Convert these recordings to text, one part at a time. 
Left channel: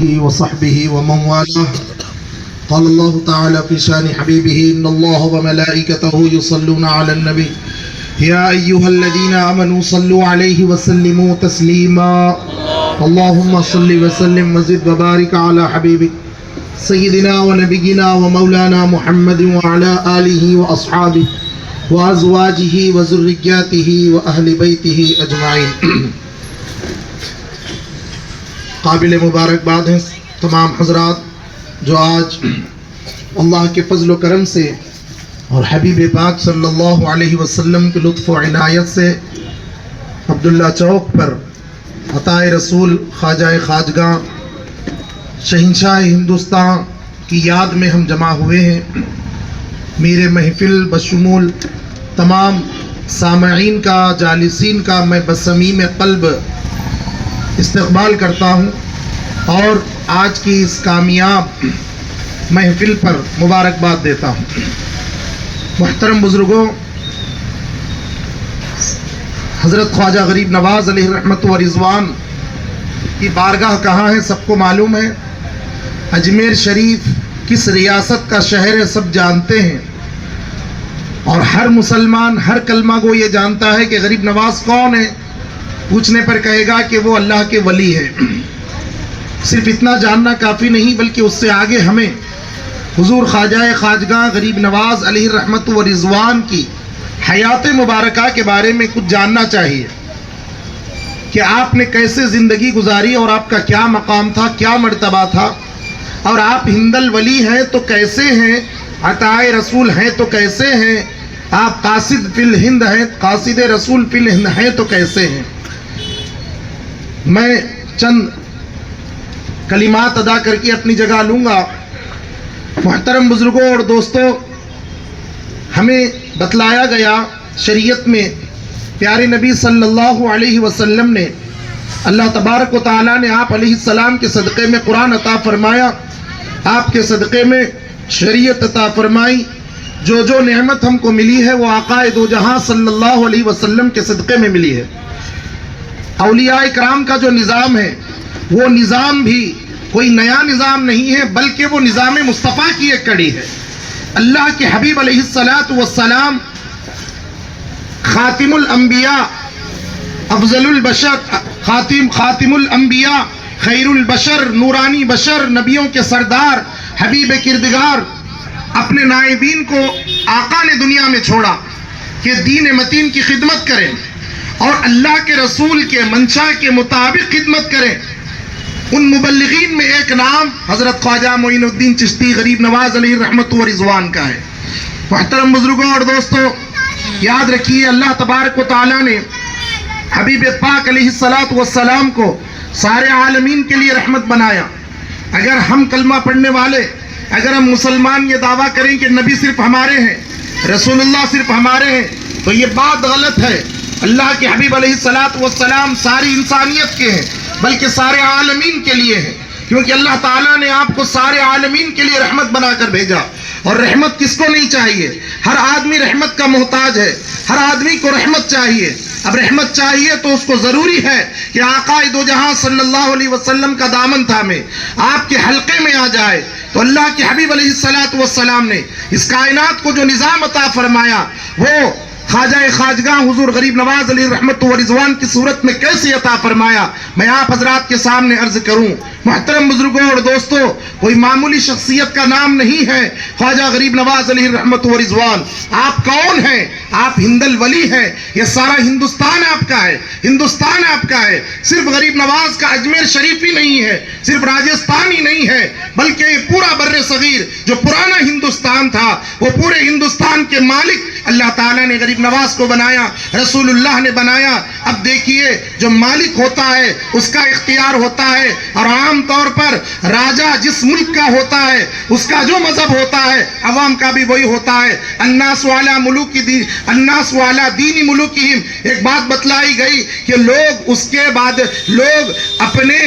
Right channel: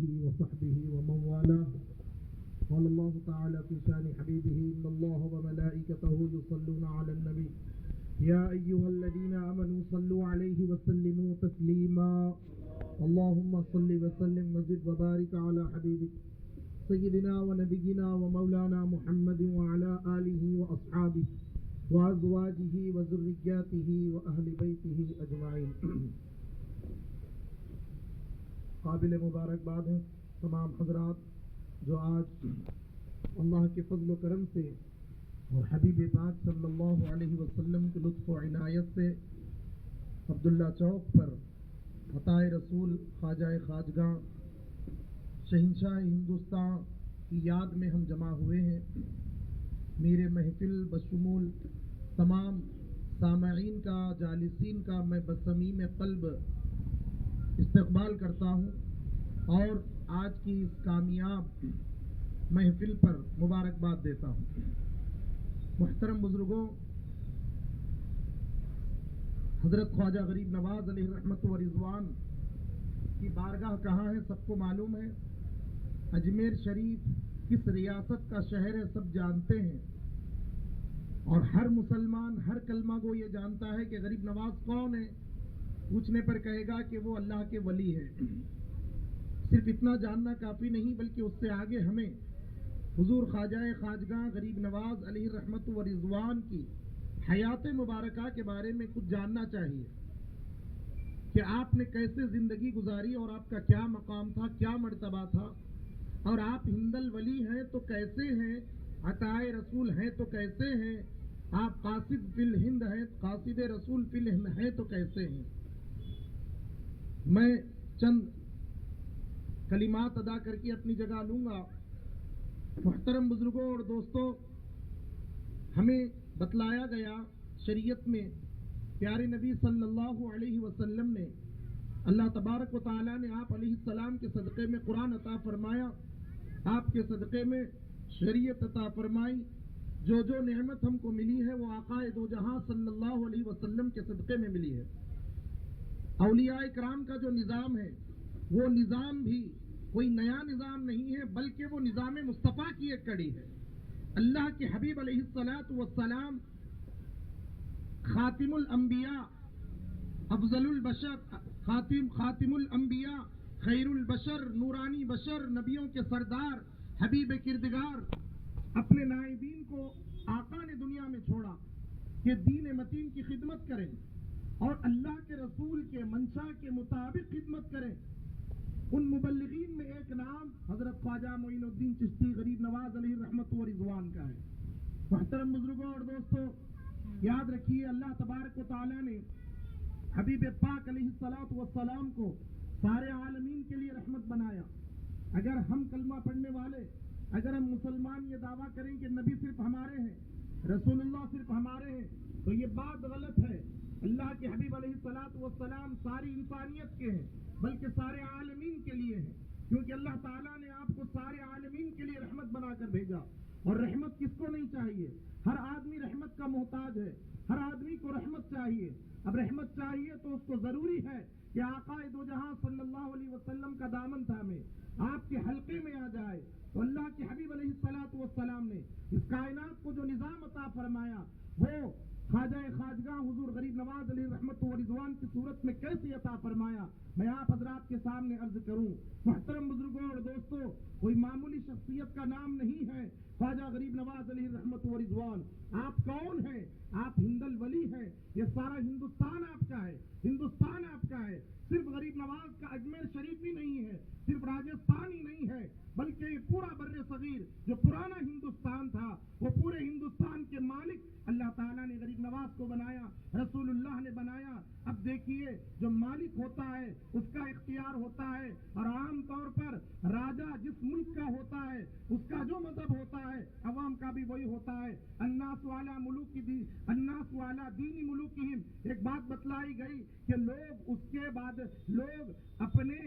وصحبه ومن والاه. قال الله تعالى في شان حبيبه إن الله وملائكته يصلون على النبي يا أيها الذين آمنوا صلوا عليه وسلموا تسليما. اللهم صل وسلم وزد وبارك على حبيبك سيدنا ونبينا ومولانا محمد وعلى آله وأصحابه وأزواجه وذرياته وأهل بيته أجمعين. قابل مبارکباد ہیں تمام حضرات جو آج اللہ کے فضل و کرم سے اور حبیب پاک صلی اللہ علیہ وسلم کے لطف و عنایت سے عبداللہ چوک پر عطائے رسول خواجہ خواجگاں شہنشاہ ہندوستان کی یاد میں ہم جمع ہوئے ہیں. میرے محفل بشمول تمام سامعین کا جالسین کا میں بصمیم قلب استقبال کرتا ہوں اور آج کی اس کامیاب محفل پر مبارکباد دیتا ہوں. محترم بزرگوں، حضرت خواجہ غریب نواز علیہ رحمت و رضوان کی بارگاہ کہاں ہے سب کو معلوم ہے. اجمیر شریف کس ریاست کا شہر ہے سب جانتے ہیں، اور ہر مسلمان ہر کلمہ گو یہ جانتا ہے کہ غریب نواز کون ہے. پوچھنے پر کہے گا کہ وہ اللہ کے ولی ہے. صرف اتنا جاننا کافی نہیں بلکہ اس سے آگے ہمیں حضور خواجہ خواجگاں غریب نواز علیہ رحمت و رضوان کی حیات مبارکہ کے بارے میں کچھ جاننا چاہیے کہ آپ نے کیسے زندگی گزاری اور آپ کا کیا مقام تھا، کیا مرتبہ تھا، اور آپ ہند الولی ہیں تو کیسے ہیں، عطائے رسول ہیں تو کیسے ہیں، آپ قاصد فی الہند ہیں، قاصد رسول فی الہند ہیں تو کیسے ہیں. میں چند کلمات ادا کر کے اپنی جگہ لوں گا. محترم بزرگوں اور دوستوں، ہمیں بتلایا گیا شریعت میں پیارے نبی صلی اللہ علیہ وسلم نے اللہ تبارک و تعالیٰ نے آپ علیہ السلام کے صدقے میں قرآن عطا فرمایا، آپ کے صدقے میں شریعت عطا فرمائی. جو جو نعمت ہم کو ملی ہے وہ آقا دو جہاں صلی اللہ علیہ وسلم کے صدقے میں ملی ہے. اولیاء کرام کا جو نظام ہے وہ نظام بھی کوئی نیا نظام نہیں ہے بلکہ وہ نظام مصطفیٰ کی ایک کڑی ہے. اللہ کے حبیب علیہ السلام خاتم الانبیاء، افضل البشر، خاتم الانبیاء، خیر البشر، نورانی بشر، نبیوں کے سردار، حبیب کردگار، اپنے نائبین کو آقا نے دنیا میں چھوڑا کہ دین متین کی خدمت کریں اور اللہ کے رسول کے منشا کے مطابق خدمت کریں. ان مبلغین میں ایک نام حضرت خواجہ معین الدین چشتی غریب نواز علیہ رحمت و رضوان کا ہے. محترم بزرگوں اور دوستوں، یاد رکھیے اللہ تبارک و تعالیٰ نے حبیب پاک علیہ السلام کو سارے عالمین کے لیے رحمت بنایا. اگر ہم کلمہ پڑھنے والے، اگر ہم مسلمان یہ دعویٰ کریں کہ نبی صرف ہمارے ہیں، رسول اللہ صرف ہمارے ہیں، تو یہ بات غلط ہے. اللہ کے حبیب علیہ السلام ساری انسانیت کے ہیں بلکہ سارے عالمین کے لیے ہیں، کیونکہ اللہ تعالیٰ نے آپ کو سارے عالمین کے لیے رحمت بنا کر بھیجا. اور رحمت کس کو نہیں چاہیے؟ ہر آدمی رحمت کا محتاج ہے، ہر آدمی کو رحمت چاہیے. اب رحمت چاہیے تو اس کو ضروری ہے کہ آقا دو جہاں صلی اللہ علیہ وسلم کا دامن تھامے، آپ کے حلقے میں آ جائے. تو اللہ کے حبیب علیہ السلام نے اس کائنات کو جو نظام عطا فرمایا وہ خواجہ خواجگاں حضور غریب نواز علیہ رحمت و رضوان کی صورت میں کیسے عطا فرمایا میں آپ حضرات کے سامنے عرض کروں. محترم بزرگوں اور دوستوں، کوئی معمولی شخصیت کا نام نہیں ہے خواجہ غریب نواز علیہ رحمت و رضوان. آپ کون ہیں؟ آپ ہند الولی ہیں. یہ سارا ہندوستان آپ کا ہے، ہندوستان آپ کا ہے. صرف غریب نواز کا اجمیر شریف ہی نہیں ہے، صرف راجستان ہی نہیں ہے، بلکہ یہ پورا بر صغیر جو پرانا ہندوستان تھا وہ پورے ہندوستان کے مالک اللہ تعالیٰ نے غریب نواز کو بنایا، رسول اللہ نے بنایا. اب دیکھیے جو مالک ہوتا ہے اس کا اختیار ہوتا ہے، اور عام طور پر راجہ جس ملک کا ہوتا ہے اس کا جو مذہب ہوتا ہے عوام کا بھی وہی ہوتا ہے. الناس والا دینی ملوکہم، ایک بات بتلائی گئی کہ لوگ اس کے بعد لوگ اپنے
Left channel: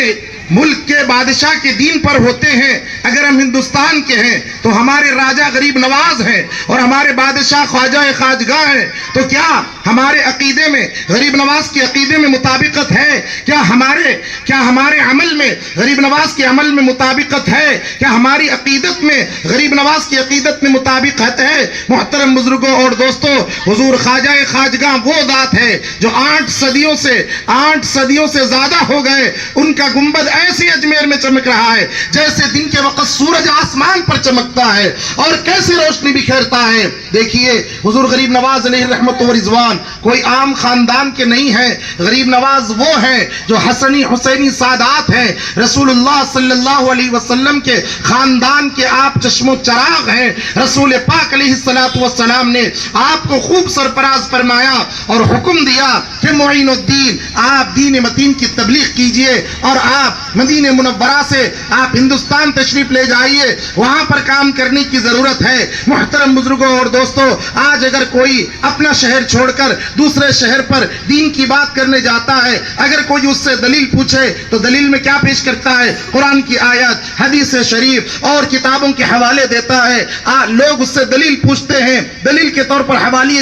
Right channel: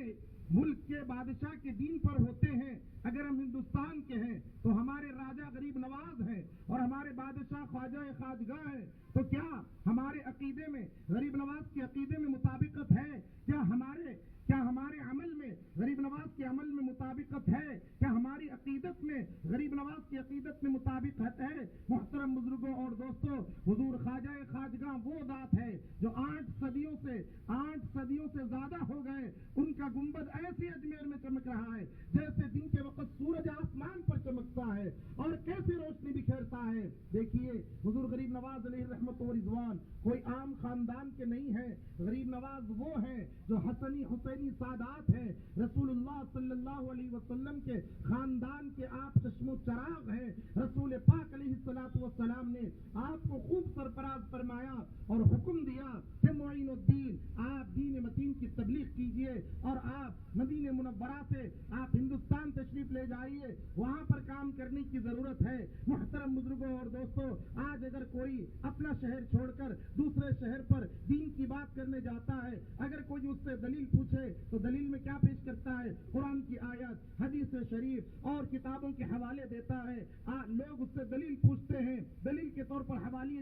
ملک کے بادشاہ کے دین پر ہوتے ہیں، اگر ہم ہندوستان کے ہیں تو ہمارے راجہ غریب نواز ہیں اور ہمارے بادشاہ خواجہ خواجگاہ ہیں، تو کیا ہمارے عقیدے میں غریب نواز کے عقیدے میں مطابقت ہے؟ کیا ہمارے عمل میں غریب نواز کے عمل میں مطابقت ہے؟ کیا ہماری عقیدت میں غریب نواز کی عقیدت میں مطابقت ہے؟ محترم بزرگوں اور دوستوں، حضور خواجہ خواجگاہ وہ ذات ہے جو 8 صدیوں سے زیادہ ہو گئے، ان کا گنبد ایسے اجمیر میں چمک رہا ہے جیسے دن کے وقت سورج آسمان پر چمکتا ہے اور کیسے روشنی بکھیرتا ہے۔ دیکھیے حضور غریب نواز علیہ رحمت و رضوان کوئی عام خاندان کے نہیں ہیں، غریب نواز وہ ہیں جو حسنی حسینی سادات ہیں، رسول اللہ صلی اللہ علیہ وسلم کے خاندان کے آپ چشم و چراغ ہیں۔ رسول پاک علیہ السلام نے آپ کو خوب سرفراز فرمایا اور حکم دیا کہ معین الدین، آپ دین متین کی تبلیغ کیجئے اور آپ مدینہ منورہ سے آپ ہندوستان تشریف لے جائیے، وہاں پر کام کرنے کی ضرورت ہے۔ محترم بزرگوں اور دوستوں، آج اگر کوئی اپنا شہر چھوڑ کر دوسرے شہر پر دین کی بات کرنے جاتا ہے، اگر کوئی اس سے دلیل پوچھے تو دلیل میں کیا پیش کرتا ہے؟ قرآن کی آیت، حدیث شریف اور کتابوں کے حوالے دیتا ہے۔ لوگ اس سے دلیل پوچھتے ہیں، دلیل کے طور پر حوالے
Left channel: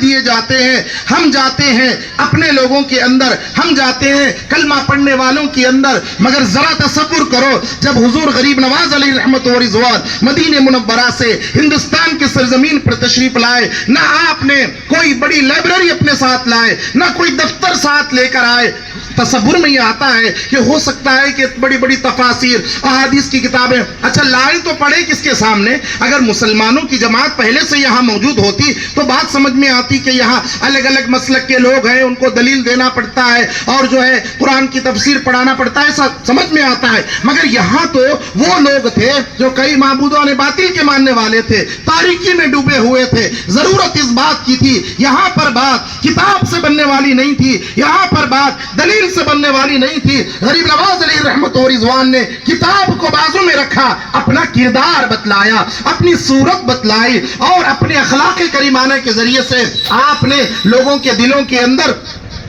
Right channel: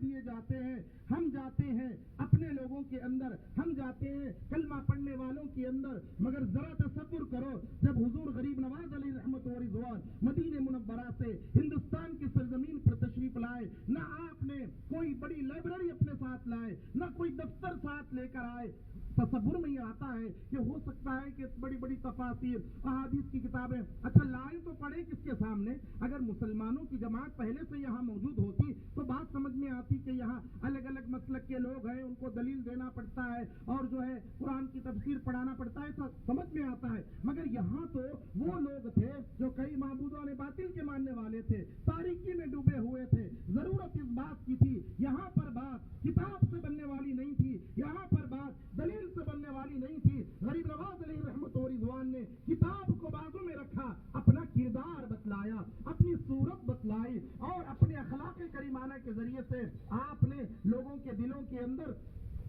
دیے جاتے ہیں۔ ہم جاتے ہیں اپنے لوگوں کے اندر، ہم جاتے ہیں کلمہ پڑھنے والوں کے اندر، مگر ذرا تصور کرو جب حضور غریب نواز علیہ رحمت و رضوان مدینہ منورہ سے ہندوستان کے سرزمین پر تشریف لائے، نہ آپ نے کوئی بڑی لائبریری اپنے ساتھ لائے، نہ کوئی دفتر ساتھ لے کر آئے۔ تصور میں یہ آتا ہے کہ ہو سکتا ہے کہ بڑی بڑی تفاسیر احادیث کی کتابیں، اچھا لائے تو پڑھے کس کے سامنے؟ اگر مسلمانوں کی جماعت پہلے سے یہاں موجود ہوتی تو بات سمجھ میں آتی کہ یہاں الگ الگ مسلک کے لوگ ہیں، ان کو دلیل دینا پڑتا ہے اور جو ہے قرآن کی تفسیر پڑھانا پڑتا ہے، ایسا سمجھ میں آتا ہے۔ مگر یہاں تو وہ لوگ تھے جو کئی معبودوں نے باطل کے ماننے والے تھے، تاریکی میں ڈوبے ہوئے تھے۔ ضرورت اس بات کی تھی، یہاں پر بات کتاب سے بننے والی نہیں تھی، یہاں پر بات دلیل سے بننے والی نہیں تھی۔ غریب نواز علیہ رحمت و رضوان نے کتاب کو بازو میں رکھا، اپنا کردار بتلایا، اپنی صورت بتلائی اور اپنے اخلاق کریمانہ کے ذریعے سے آپ نے لوگوں کے دلوں کے اندر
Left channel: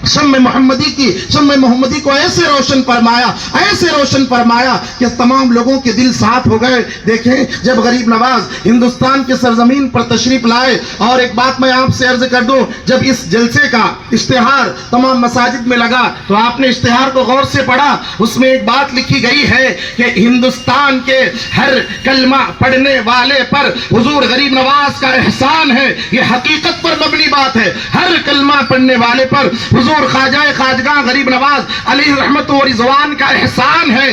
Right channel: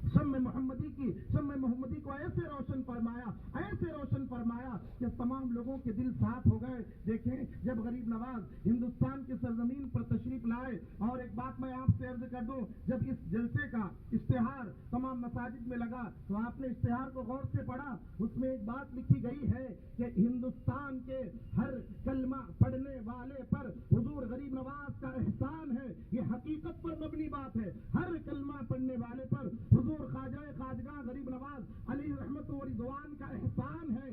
شمع محمدی کو ایسے روشن فرمایا کہ تمام لوگوں کے دل صاف ہو گئے۔ دیکھیں جب غریب نواز ہندوستان کے سرزمین پر تشریف لائے، اور ایک بات میں آپ سے عرض کر دوں، جب اس جلسے کا اشتہار تمام مساجد میں لگا تو آپ نے اشتہار کو غور سے پڑھا، اس میں ایک بات لکھی گئی ہے کہ ہندوستان کے ہر کلمہ پڑھنے والے پر حضور غریب نواز کا احسان ہے۔ یہ حقیقت پر مبنی بات ہے، ہر کلمہ پڑھنے والے پر حضور خواجہ خواجگاہ غریب نواز علیہ رحمت و رضوان کا احسان ہے۔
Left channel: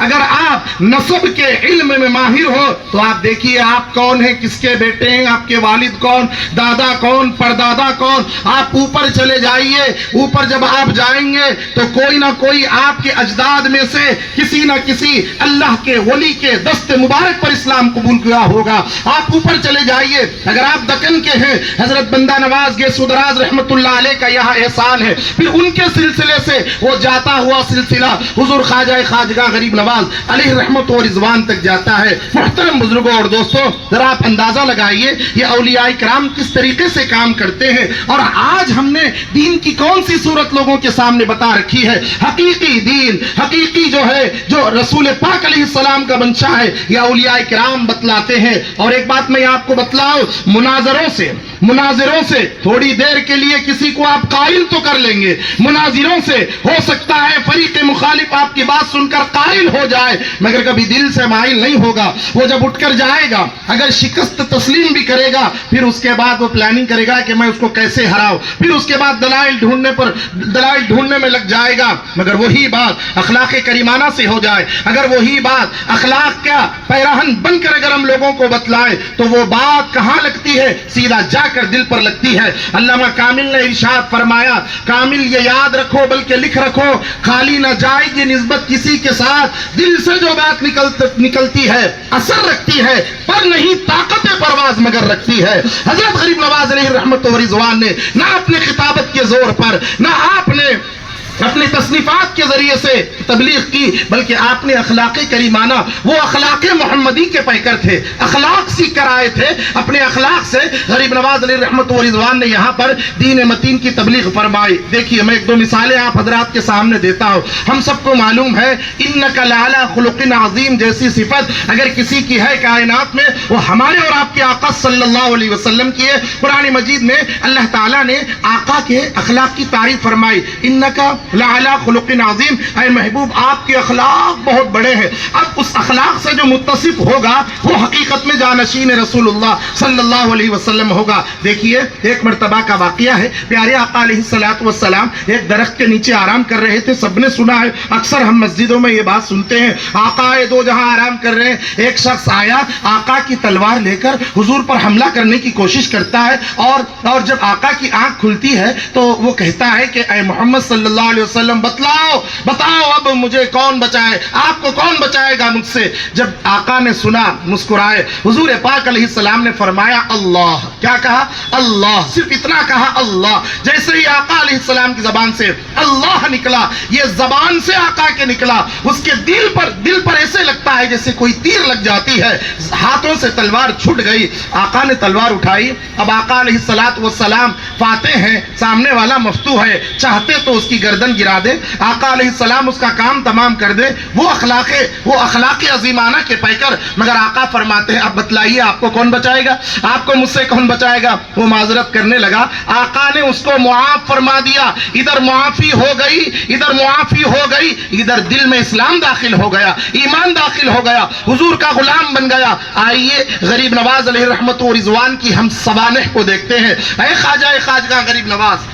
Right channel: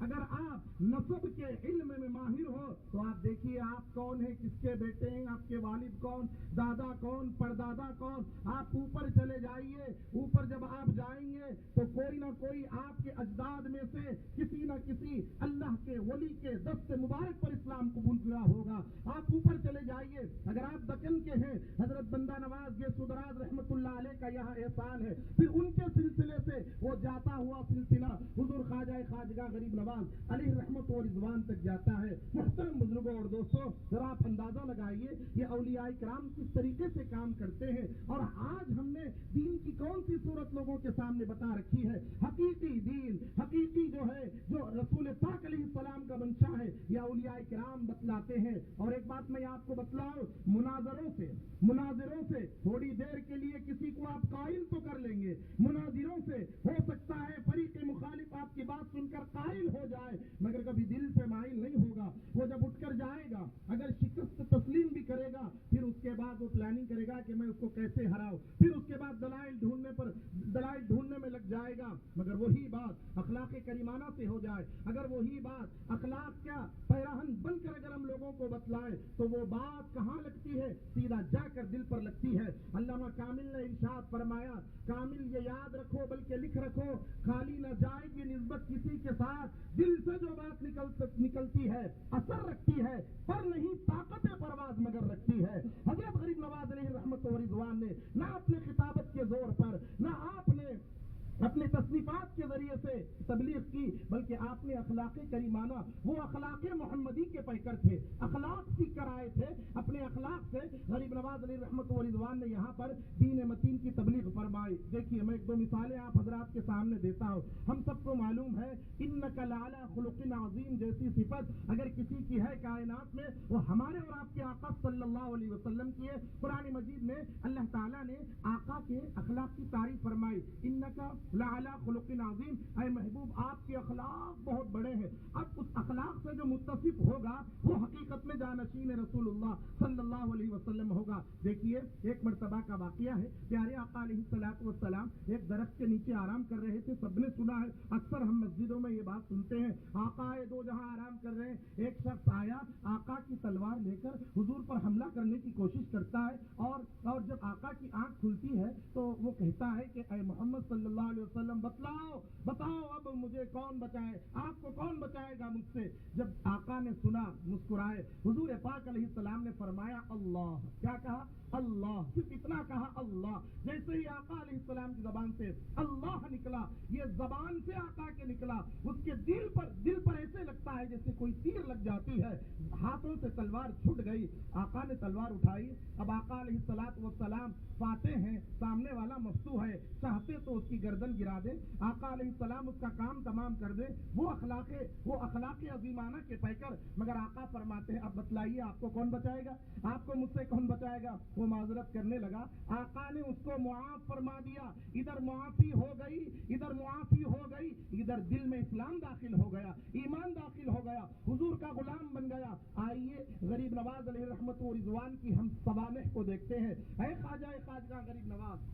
اگر آپ نسب کے علم میں ماہر ہو تو آپ دیکھیے آپ کون ہیں، کس کے بیٹے ہیں، آپ کے والد کون، دادا کون، پردادا کون۔ آپ اوپر چلے جائیے، اوپر جب آپ جائیں گے تو کوئی نہ کوئی آپ کے اجداد میں سے کسی نہ کسی اللہ کے ولی کے دست مبارک پر اسلام قبول کیا ہوگا۔ آپ اوپر چلے جائیے، اگر آپ دکن کے ہیں، حضرت بندہ نواز گیسو دراز رحمت اللہ علیہ کا یہاں احسان ہے، پھر ان کے سلسلے سے وہ جاتا ہوا سلسلہ حضور خواجہ خواجگاہ غریب نواز علیہ رحمت و رضوان تک جاتا ہے۔ محترم بزرگوں اور دوستوں، ذرا آپ اندازہ لگائیے یہ اولیاء کرام کس طریقے سے کام کرتے ہیں، اور آج ہم نے دین کی کون سی صورت لوگوں کے سامنے بتا رکھی ہے۔ حقیقی دین، حقیقی جو ہے، جو رسول پاک علیہ السلام کا منشا ہے، یہ اولیاء کرام بتلاتے ہیں۔ اور ایک بات میں آپ کو بتلاؤں، مناظروں سے تھوڑی دیر کے لیے کسی کو آپ قائل تو کر لیں گے، مناظروں سے ہو سکتا ہے فریق مخالف آپ کی بات سن کر قائل ہو جائے، مگر کبھی دل سے مائل نہیں ہوگا۔ وہ جب اٹھ کر جائے گا، اگر شکست تسلیم بھی کرے گا، پھر اس کے بعد وہ پلاننگ کرے گا کہ میں اس کو کیسے ہراؤں، پھر اس کے بعد دلائل ڈھونڈنے میں لگ جائے گا۔ مگر وہی بات اخلاق کریمانہ سے ہو جائے، اگر وہی بات اخلاق کا پیراہن بن کر اگر ہم لوگوں کو بتلائے تو وہ بات کہاں لگتی ہے؟ سیدھا جا کر دل پر لگتی ہے۔ علامہ کامل نے ارشاد فرمایا، کامل یہ یاد رکھو بلکہ لکھ رکھو، خالی نہ جائے یہ نسبت کسی کے ساتھ، دل سے جو بات نکلتی ہے اثر رکھتی ہے، پر نہیں طاقت پرواز مگر رکھتی ہے۔ حضرت غریب نواز علیہ رحمت و رضوان نے نہ اپنے خطابت کے زور پر، نہ آپ نے اپنے تصنیفات کے ذریعے سے تبلیغ کی، بلکہ آپ نے اخلاق کریمانہ، وہ اخلاق محمدی کے پیکر تھے، اخلاق سیکھ کر آئے تھے، اپنے اخلاق سے غریب نواز علیہ رحمت و رضوان نے یہاں پر دین متین کی تبلیغ فرمائی۔ دیکھیے میں ایک دو مثالیں آپ حضرات کے سامنے دیتا ہوں۔ ہم سب کو معلوم ہے انک لعلی خلق عظیم جیسی صفت اگر کسی کی ہے کائنات میں، وہ ہمارے اور آپ کے آقا صلی اللہ علیہ وسلم کی ہے۔ قرآن مجید میں اللہ تعالیٰ نے آقا کے اخلاق کی تعریف فرمائی، انک لعلی خلق عظیم، اے محبوب آپ کے اخلاق بہت بڑے ہیں۔ اب اس اخلاق سے جو متصف ہوگا وہ حقیقت میں جانشین رسول اللہ صلی اللہ علیہ وسلم ہوگا۔ دیکھیے ایک مرتبہ کا واقعہ ہے، پیارے آقا علیہ الصلوۃ والسلام ایک درخت کے نیچے آرام کر رہے تھے۔ سب نے سنا ہے، اکثر ہم مسجدوں میں یہ بات سنتے ہیں، آقا دو جہاں آرام کر رہے ہیں، ایک شخص آیا آقا کی تلوار لے کر حضور پر حملہ کرنے کی کوشش کرتا ہے، اور جب آقا کی آنکھ کھلتی ہے تو وہ کہتا ہے کہ اے محمد صلی اللہ علیہ وسلم بتاؤ اب مجھے کون بچائے، آپ کو کون بچائے گا مجھ سے۔ جب آقا نے سنا مسکرائے، حضور پاک علیہ السلام نے فرمایا اللہ، کیا کہا؟ اللہ، صرف اتنا کہا اللہ۔ جیسے ہی آقا علیہ السلام کی زبان سے اللہ نکلا، یہ زبان سے آقا کے نکلا، اس کے دل پر ایسے لگتا ہے جیسے کوئی تیر لگ جاتی ہے، ہاتھوں سے تلوار چھٹ گئی۔ آقا نے تلوار اٹھائی، اب آقا علیہ الصلوۃ والسلام فاتح ہیں، سامنے والا مفتوح ہے، چاہتے تو اس کی گردن گرا دے، آقا علیہ السلام اس کا کام تمام کر دے، وہ اخلاق عظیمانہ کے پیکر، مگر آقا فرماتے ہیں اب بتلائیے آپ کو کون بچائے گا، آپ کو مجھ سے کون بچائے گا۔ وہ معذرت کرنے لگا، آقا نے اس کو معاف فرما دیا، ادھر معافی ہو گئی، ادھر دل میں اسلام داخل ہو گیا، ایمان داخل ہو گیا، حضور کا غلام بن گیا۔ آئیے غریب نواز علیہ رحمت و رضوان کی ہم سوانح کو دیکھتے ہیں۔ اے خواجہ غریب نواز،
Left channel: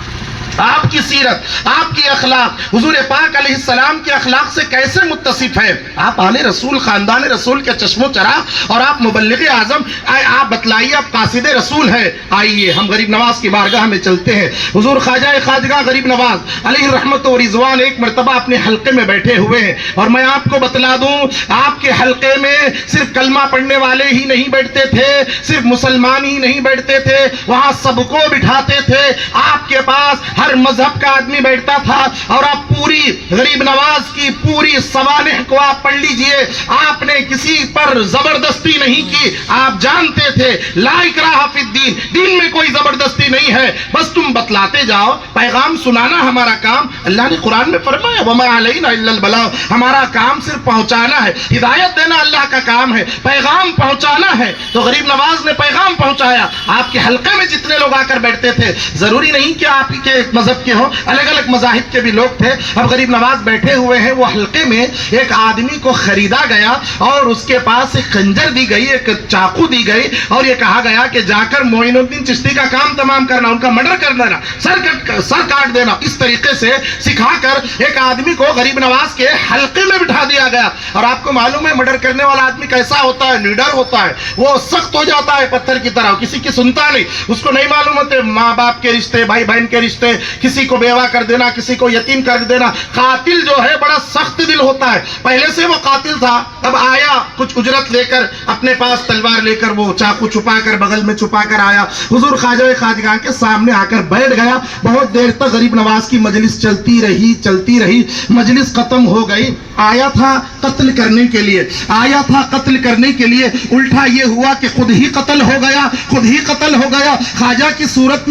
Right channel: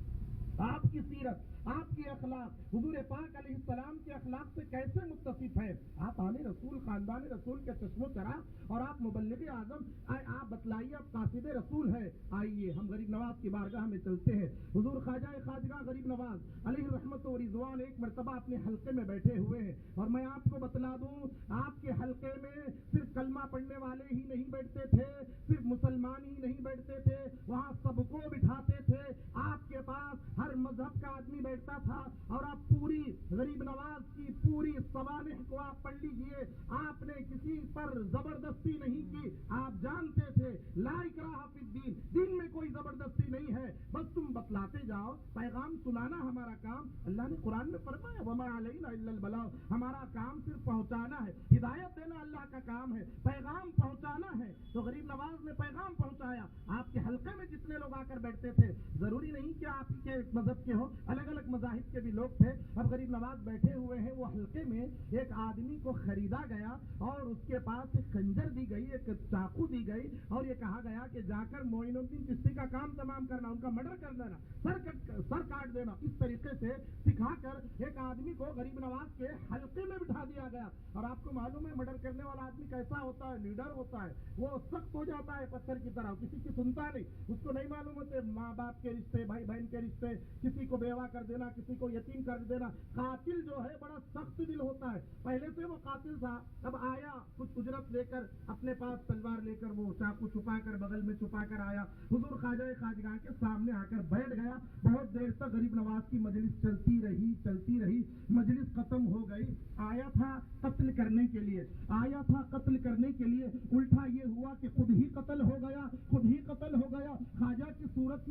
آپ کی سیرت، آپ کی اخلاق حضور پاک علیہ السلام کے اخلاق سے کیسے متصف ہے؟ آپ آل رسول، خاندان رسول کے چشم و چراغ اور آپ مبلغ اعظم، آپ بتلائیے آپ قاصد رسول ہیں۔ آئیے ہم غریب نواز کی بارگاہ میں چلتے ہیں۔ حضور خواجہ غریب نواز علیہ رحمت و رضوان ایک مرتبہ اپنے حلقے میں بیٹھے ہوئے ہیں، اور میں آپ کو بتلا دوں آپ کے حلقے میں صرف کلمہ پڑھنے والے ہی نہیں بیٹھتے تھے، صرف مسلمان ہی نہیں بیٹھتے تھے، وہاں سب کو بٹھاتے تھے۔ آپ کے پاس ہر مذہب کا آدمی بیٹھتا تھا، اور آپ پوری غریب نواز کی پوری سوانح کو آپ پڑھ لیجئے، آپ نے کسی پر زبردستی نہیں کی۔ آپ جانتے تھے لا اکراہ فی الدین، دین میں کوئی زبردستی نہیں ہے، بس تم بتلاتے جاؤ، پیغام سنانا ہمارا کام۔ اللہ نے قرآن میں فرمایا وما علینا الا البلاغ، ہمارا کام صرف پہنچانا ہے، ہدایت دینا اللہ کا کام ہے، پیغام پہنچانا ہے۔ تو غریب نواز نے پیغام پہنچایا۔ آپ کے حلقے میں جتنے لوگ آ کر بیٹھتے تھے، ضروری نہیں کہ آپ کے مذہب کے ہوں، الگ الگ مذاہب کے بھی لوگ تھے۔ اب غریب نواز بیٹھے ہوئے ہیں، وہ حلقے میں ایک آدمی کو خریدا گیا، اور اس کے پاس ایک خنجر دی گئی، ایک چاقو دی گئی، اور یہ کہا گیا کہ جا کر معین الدین چشتی کا کام تمام کرنا، ان کا مرڈر کر دینا، سر کاٹ دینا۔ اس طریقے سے سکھا کر ایک آدمی کو غریب نواز کے حلقے میں بٹھا دیا گیا۔ اور آپ کو معلوم ہے مرڈر کرنے والا آدمی کیسا ہوتا ہے؟ نیڈر ہوتا ہے، وہ سخت ہو جاتا ہے پتھر کی طرح، کسی کی سنتا نہیں، اس کو نہیں معلوم ہوتے ماں باپ کے رشتے، بھائی بہن کے رشتے، کسی کو بیوہ کر دینا، کسی کو یتیم کر دینا۔ قاتل جو ہے بڑا سخت دل ہوتا ہے، پہلے سے وہ قاتل تھا، اب آیا کچھ اجرت لے کر، اپنے پاس تلوار لے کر، وہ چاقو چھپا کر بغل میں چھپا کر آیا، حضور خواجگاہ کے سامنے آ کر بیٹھ گیا۔ بہت دیر تک غریب نواز کی مجلس چلتی رہی، مجلس ختم ہو گئی۔ آیا تھا قتل کرنے کے لیے، الٹا یہ ہوا کہ خود ہی قتل ہو گیا۔ خواجہ کی صورت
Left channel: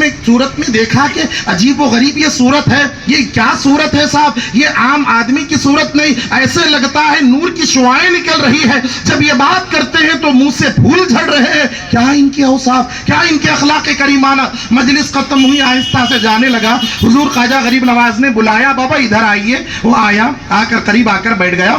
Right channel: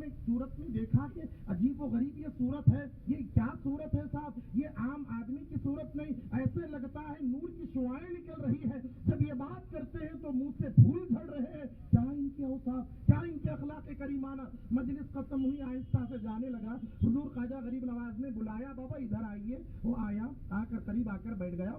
میں دیکھا کہ عجیب و غریب یہ صورت ہے، یہ کیا صورت ہے صاحب؟ یہ عام آدمی کی صورت نہیں، ایسے لگتا ہے نور کی شعاعیں نکل رہی ہے، جب یہ بات کرتے ہیں تو منہ سے پھول جھڑ رہے ہیں۔ کیا ان کے اوصاف، کیا ان کے اخلاق کریمانہ۔ مجلس ختم ہوئی، آہستہ سے جانے لگا۔ حضور خواجہ غریب نواز نے بلایا، بابا ادھر آئیے۔ وہ آیا، آ کر قریب آ کر بیٹھ گیا۔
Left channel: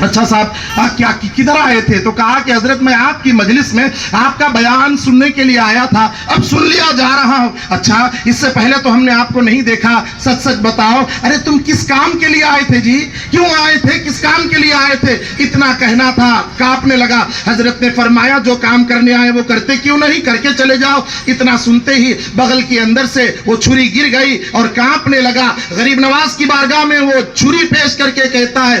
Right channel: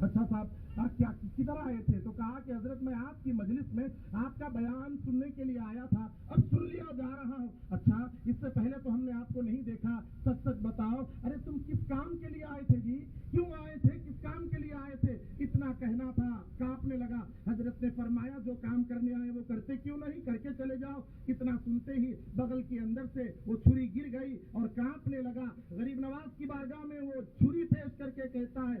اچھا صاحب کیا کدھر آئے تھے؟ تو کہا کہ حضرت میں آپ کی مجلس میں آپ کا بیان سننے کے لیے آیا تھا، اب سن لیا جا رہا ہوں۔ اچھا اس سے پہلے تو ہم نے آپ کو نہیں دیکھا، سچ بتاؤ، ارے تم کس کام کے لیے آئے تھے جی؟ کیوں آئے تھے؟ کس کام کے لیے آئے تھے؟ اتنا کہنا تھا، کانپنے لگا۔ حضرت نے فرمایا جو کام کرنے آئے وہ کرتے کیوں نہیں، کر کے چلے جاؤ۔ اتنا سنتے ہی بغل کے اندر سے وہ چھری گر گئی اور کانپنے لگا۔ غریب نواز کی بارگاہ میں وہ چھری پیش کر کے کہتا ہے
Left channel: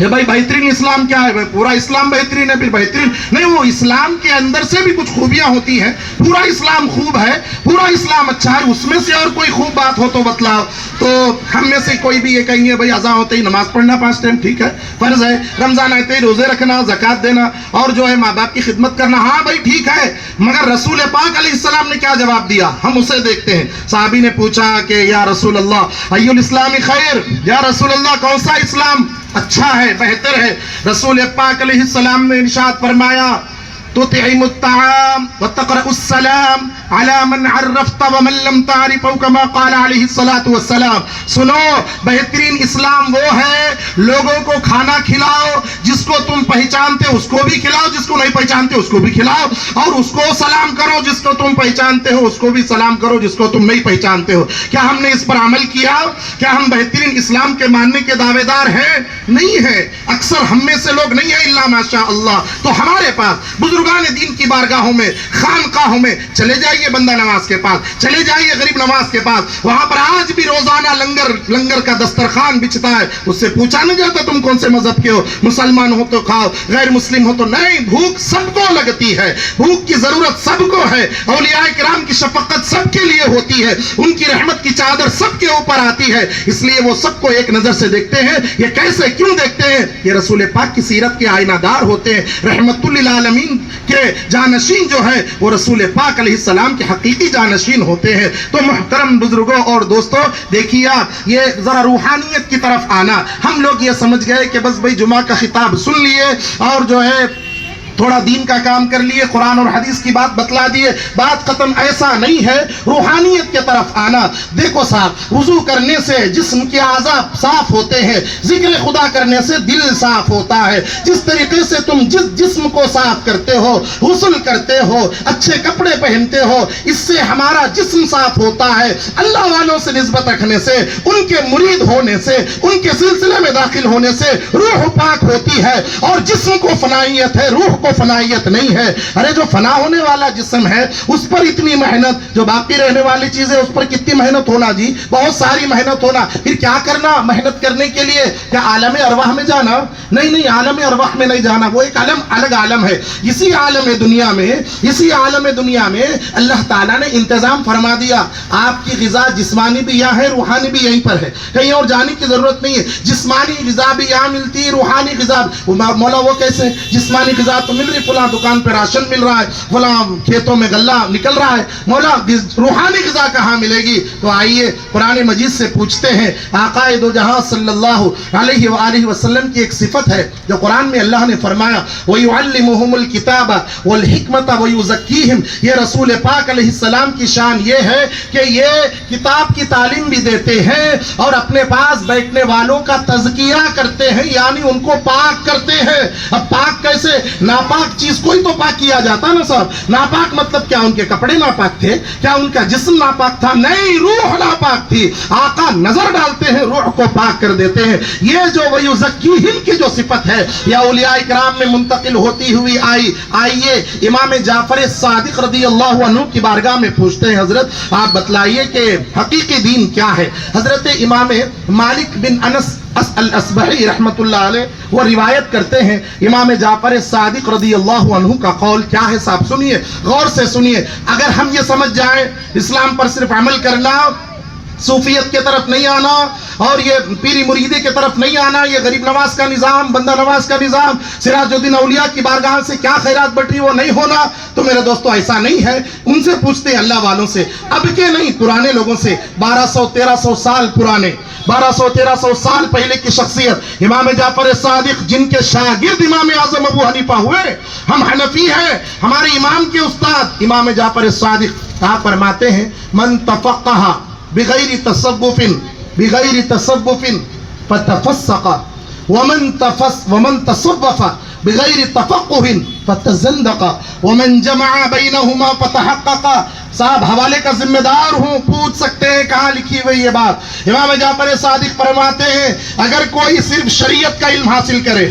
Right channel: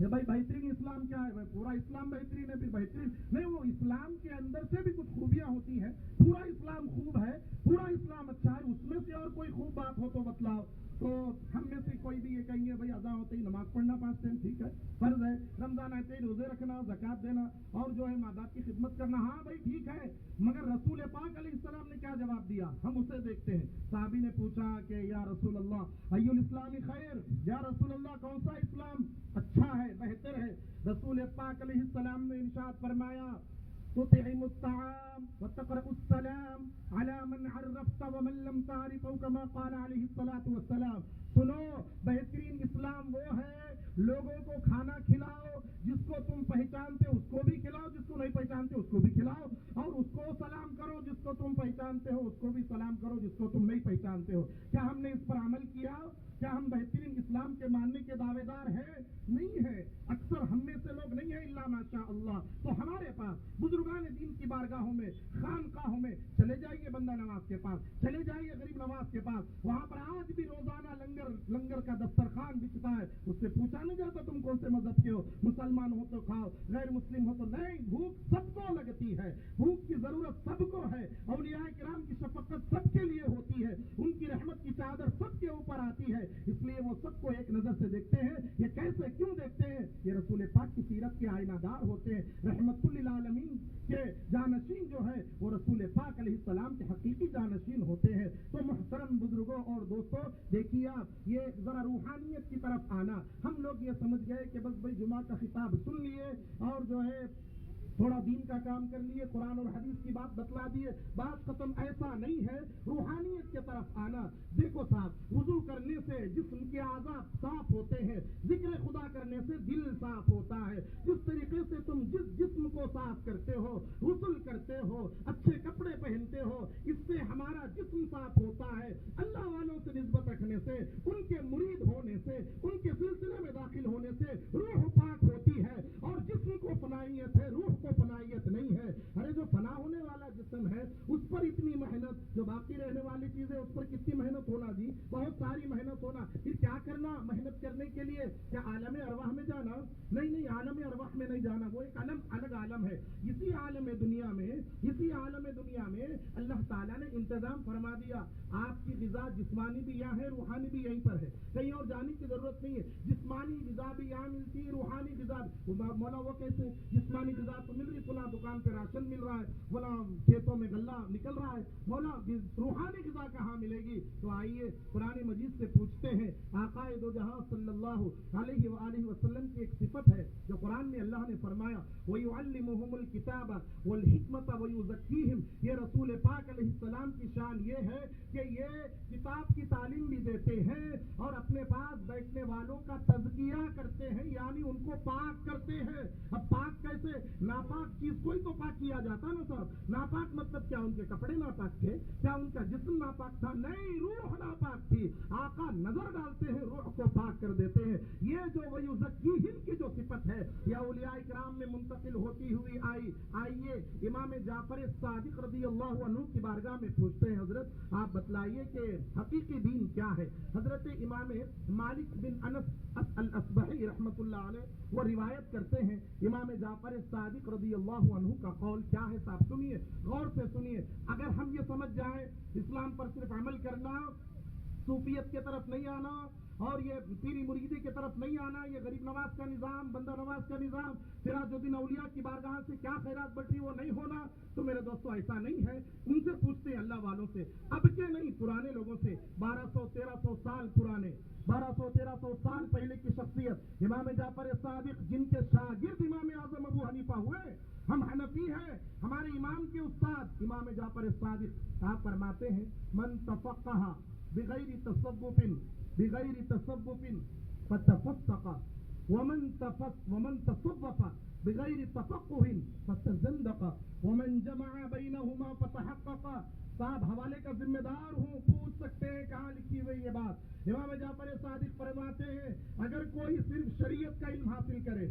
یہ بھائی بہترین اسلام کیا ہے؟ پورا اسلام بہترین ہے، پھر بہترین نہیں، وہ اسلام کے اندر سے بھی کچھ خوبیاں ہوتی ہیں. پورا اسلام خوب ہے، پورا اسلام اچھا ہے، اس میں سے اور کوئی خوب بات ہو تو بتلاؤ. تو ہم میں سے کوئی بھی یہ کہیں گے بھائی اذان ہوتے ہی نماز پڑھنا 5 ٹائم ٹھیک ہے، فرض ہے، رمضان آتے ہی روزے رکھنا، زکوٰۃ دینا، اور جو ہے ماں باپ کی خدمت کرنا، ہاں بھائی ٹھیک ہے. مگر رسول پاک علیہ السلام نے کیا جواب دیا؟ ہم اسے دیکھتے ہیں. صحابی نے پوچھا کہ یا رسول اللہ ای الاسلام خیر، یا رسول اللہ کون سا اسلام اچھا ہے، بہتر ہے؟ رسول پاک علیہ السلام نے ارشاد فرمایا تطعم الطعام وتقرأ السلام على من عرفت ومن لم تعرف، او كما قال علیہ الصلوۃ والسلام. سنو، بہترین اسلام وہ ہے لوگوں کو کھانا کھلاؤ، جس کو تم پہچانتے اس کو بھی کھلاؤ، جس کو نہیں پہچانتے اس کو بھی کھلاؤ، اور اس کو سلام کرو جس کو تم پہچانتے ہو، اس کو بھی سلام کرو جس کو تم نہیں پہچانتے ہو. کیا ہم نے اس پر عمل کیا؟ کیا ہم بہترین اسلام کے ماننے کے دعوے دار ہیں؟ نہیں ہے. اکثر ہم میں سے لوگ نہیں ہیں الا ماشاء اللہ. تو ہمارے پاس بزرگان دین کی بارگاہوں میں، خانقاہوں میں چلے جائیے، بندہ نواز کے پاس چلے جائیے، غریب نواز کے پاس، وہاں پر آج بھی روزانہ لنگر کا دسترخوان بچتا ہے. اس سے پوچھا نہیں جاتا تم کون سے مذہب کے ہو، مسلمان ہو تو کھاؤ، غیر مسلم ہو تو نہیں. بھوک سب کو لگتی ہے، بھوک کی ضرورت سب کو ہے. اولیاء کرام کی شفقت سب کے لیے ہوتی ہے، ان کی رحمت کی چادر سب کے اوپر آتی ہے. اس لیے وہ سب کو ایک نظر سے دیکھتے ہیں. یہ کیسے کیوں دیکھتے ہیں؟ یہ رسول پاک کی سیرت کے آئینہ دار ہوتے ہیں. رحمت للعالمین کے جانشین جو ہے وہ رسول پاک علیہ السلام کے حقیقی جانشین ہوتے ہیں. تو محترم بزرگوں اور دوستوں، دیکھیے آپ یہ ذرا روحانیت کی طرف آنا. ہم لوگ یہ سمجھ گئے کہ بس بھئی جمعہ کا خطاب سن لیے اور جو ہے تھوڑا دین کا کام کر لیے، قرآن اور حدیث کی بات بتلا دیے، بات ختم. ایسا نہیں ہے. روحانیت کی طرف آنا. دیکھو صاحب، وضو کرنے سے جسم کے اعضاء صاف ہوتے ہیں، ذکر خدا کرنے سے دل صاف ہوتا ہے. جس طریقے سے تم جس جسم کو صاف کرتے ہو، غسل کرتے ہو، اچھے کپڑے پہنتے ہو، اس سے ہمارا جسم صاف ہوتا ہے. اللہ والوں سے نسبت رکھنے سے، ان کے مرید ہونے سے، ان کے سلسلے میں داخل ہونے سے روح پاک ہوتی ہے. اور جسم کو فنائیت ہے، روح کو فنائیت نہیں ہے. ارے جو فنا ہونے والا جسم ہے اس پر اتنی محنت، جو باقی رہنے والی چیزیں اس پر کتنی محنت ہونا جی، بہت ساری محنت ہونا. پھر کیا کرنا محنت کرنے کے لیے؟ کیا عالم ارواح میں جانا؟ نہیں، عالم ارواح میں نہیں جانا. وہ ایک الگ عالم ہے. اسی عالم دنیا میں اللہ تعالیٰ نے انتظام فرما دیا. آپ کی غذا جسمانی بھی یہاں ہے، روحانی بھی یہیں پر ہے، کہیں اور جانے کی ضرورت نہیں ہے. جسمانی غذا بھی یہاں ملتی ہے، روحانی غذا. مولا وہ کیسے؟ جسمانی غذا تو مل رہی، فلاں دکان پہ راشن مل رہا ہے، فلاں کھیتوں میں غلہ نکل رہا ہے، مولا روحانی غذا کہاں ملے گی؟ تو آئیے قرآن مجید سے پوچھتے ہیں. آقا دو جہاں صلی اللہ علیہ وآلہ وسلم کی ایک صفت ہے جو قرآن میں اللہ نے فرمایا وَيُعَلِّمُهُمُ الْكِتَابَ وَالْحِكْمَةَ وَيُزَكِّيهِمْ. یہ رسول پاک علیہ السلام کی شان یہ ہے کہ یہ کتاب کی تعلیم بھی دیتے ہیں اور اپنے پاس بیٹھنے والوں کا تزکیہ کرتے ہیں، یعنی ان کو پاک کرتے ہیں. اب پاک کیسے؟ ناپاک چیز کوئی تو پاک کیا جاتا نا صاحب. ناپاک مطلب کیا ان کے کپڑے ناپاک تھے؟ کیا ان کا جسم ناپاک تھا؟ نہیں، روح ناپاک تھی. آقا نظر ڈالتے ہیں، روح کو پاک کر دیتے ہیں. یہ جو وَيُزَكِّيهِمْ کی جو صفت ہے یہ اولیاء کرام میں منتقل ہوتی ہوئی آئیے امام جعفر صادق رضی اللہ عنہ کی بارگاہ میں پوچھتے ہیں، حضرت آپ بتلائیے کہ حقیقی دین کیا ہے؟ حضرت امام مالک بن انس الاسبحی رحمت اللہ علیہ وہ روایت کرتے ہیں امام جعفر صادق رضی اللہ عنہ کا قول کیا ہے صاحب سنیے، غور سے سنیے. اگر ہم یہ سمجھ جائیں اسلام پر صرف عمل کرنا، صوفیت کی طرف نہیں آنا اور یہ پیری مریدی کی طرف نہیں آنا، یہ غریب نواز کا نظام، بندہ نواز کا نظام، سراج الدین اولیاء کی بارگاہ سے کیا خیرات بٹ رہی وہ نہیں ہونا، تو میرے دوستو ایسا نہیں ہے. ان سے پوچھتے ہیں اللہ والوں سے، اب کے نہیں پرانے لوگوں سے، 1200-1300 سال پرانے، 1200-1300 سال پہلے کی شخصیت امام جعفر صادق جن کے شاگرد امام اعظم ابو حنیفہ ہوئے. ہم حنفی ہیں، ہمارے امام کے استاد امام جعفر صادق آپ فرماتے ہیں من تفقہ بغیر تصوف فتفسق ومن تصوف بغیر تفقہ فتزندق ومن جمع بینہما فتحقق. صاحب حوالے کا ذمہ دار ہوں، پوچھ سکتے ہیں کہاں لکھی ہوئی یہ بات. امام جعفر صادق فرماتے ہیں اگر کوئی صرف شریعت کا علم حاصل کرے،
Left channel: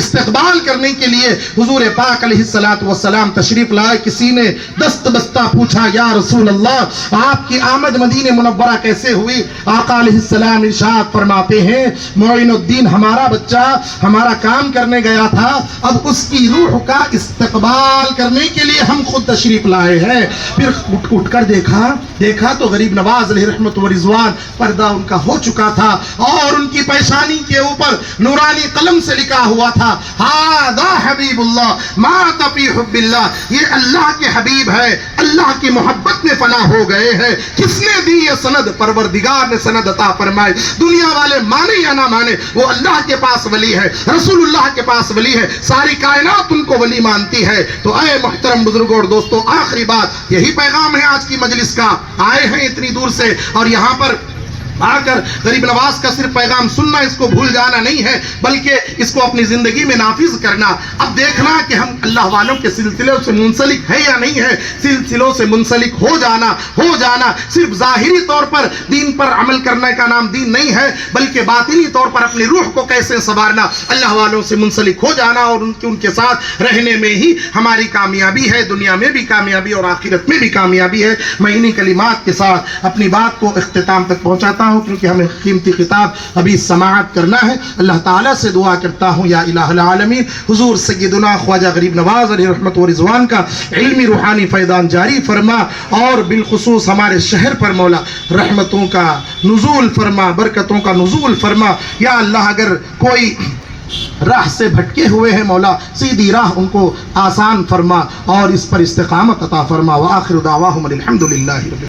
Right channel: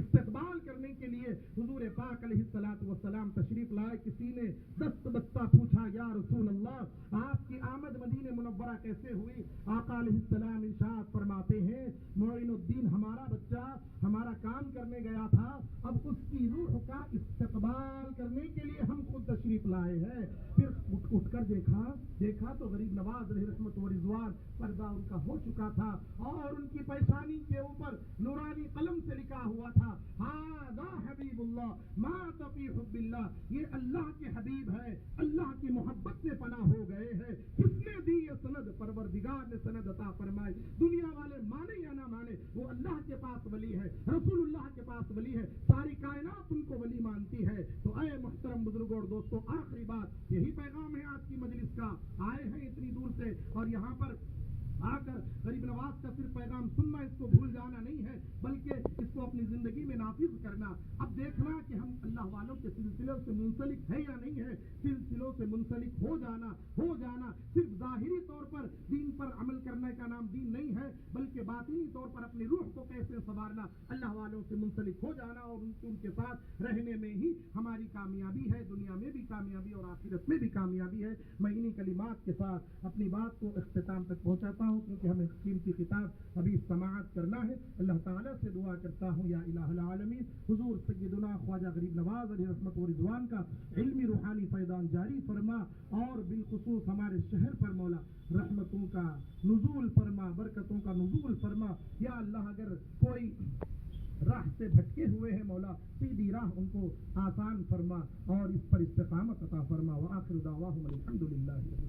استقبال کرنے کے لیے حضور پاک علیہ الصلوۃ والسلام تشریف لائے. کسی نے دست بستہ پوچھا یا رسول اللہ آپ کی آمد مدینہ منورہ کیسے ہوئی؟ آقا علیہ السلام ارشاد فرماتے ہیں معین الدین ہمارا بچہ ہمارا کام کرنے گیا تھا, اب اس کی روح کا استقبال کرنے کے لیے ہم خود تشریف لائے ہیں. پھر اٹھ کر دیکھا تو غریب نواز علیہ رحمت و رضوان پردہ ان کا ہو چکا تھا اور ان کی پیشانی کے اوپر نورانی قلم سے لکھا ہوا تھا ھذا حبیب اللہ مات فی حب اللہ, یہ اللہ کے حبیب ہے, اللہ کی محبت میں فنا ہو گئے ہیں. کس نے دی یہ سند؟ پروردگار نے سند عطا فرمائی. دنیا والے مانے یا نہ مانے وہ اللہ کے پاس ولی ہے, رسول اللہ کے پاس ولی ہے, ساری کائنات ان کو ولی مانتی ہے. تو اے محترم بزرگوں اور دوستوں, آخری بات یہی پیغام ہے آج کی مجلس کا. آئے ہیں اتنی دور سے اور یہاں پر آ کر غریب نواز کا صرف پیغام سننا, اس کو بھول جانا نہیں ہے بلکہ اس کو اپنی زندگی میں نافذ کرنا. اب دیکھنا کہ ہم اللہ والوں کے سلسلوں سے منسلک ہے یا نہیں ہے. سلسلوں سے منسلک ہو جانا صرف ظاہری طور پر دین پر عمل کرنے کا نام دین نہیں ہے بلکہ باطنی طور پر اپنی روح کو کیسے سنوارنا, اللہ والوں سے منسلک ہو جانا اور ان کے ساتھ رہنے میں ہی ہماری کامیابی ہے, دنیا میں بھی کامیابی اور آخرت میں بھی کامیابی ہے. میں انہی کلمات کے ساتھ اپنی بات کو اختتام تک پہنچاتا ہوں کیونکہ ہمیں قیمتی خطاب ابھی سماعت کرنا ہے. اللہ تعالیٰ سے دعا کرتا ہوں یا الہ العالمین حضور سیدنا خواجہ غریب نواز علیہ رحمت و رضوان کا علمی روحانی فیضان جاری فرما اور بالخصوص ہمارے شہر پر مولا رحمتوں کا نزول فرما, برکتوں کا نزول فرما. یا اللہ اگر کوئی راہ سے بھٹکے ہوئے ہیں مولا سیدھی راہ ان کو آسان فرما اور اس پر استقامت عطا فرما. وآخر دعواہم الحمدللہ.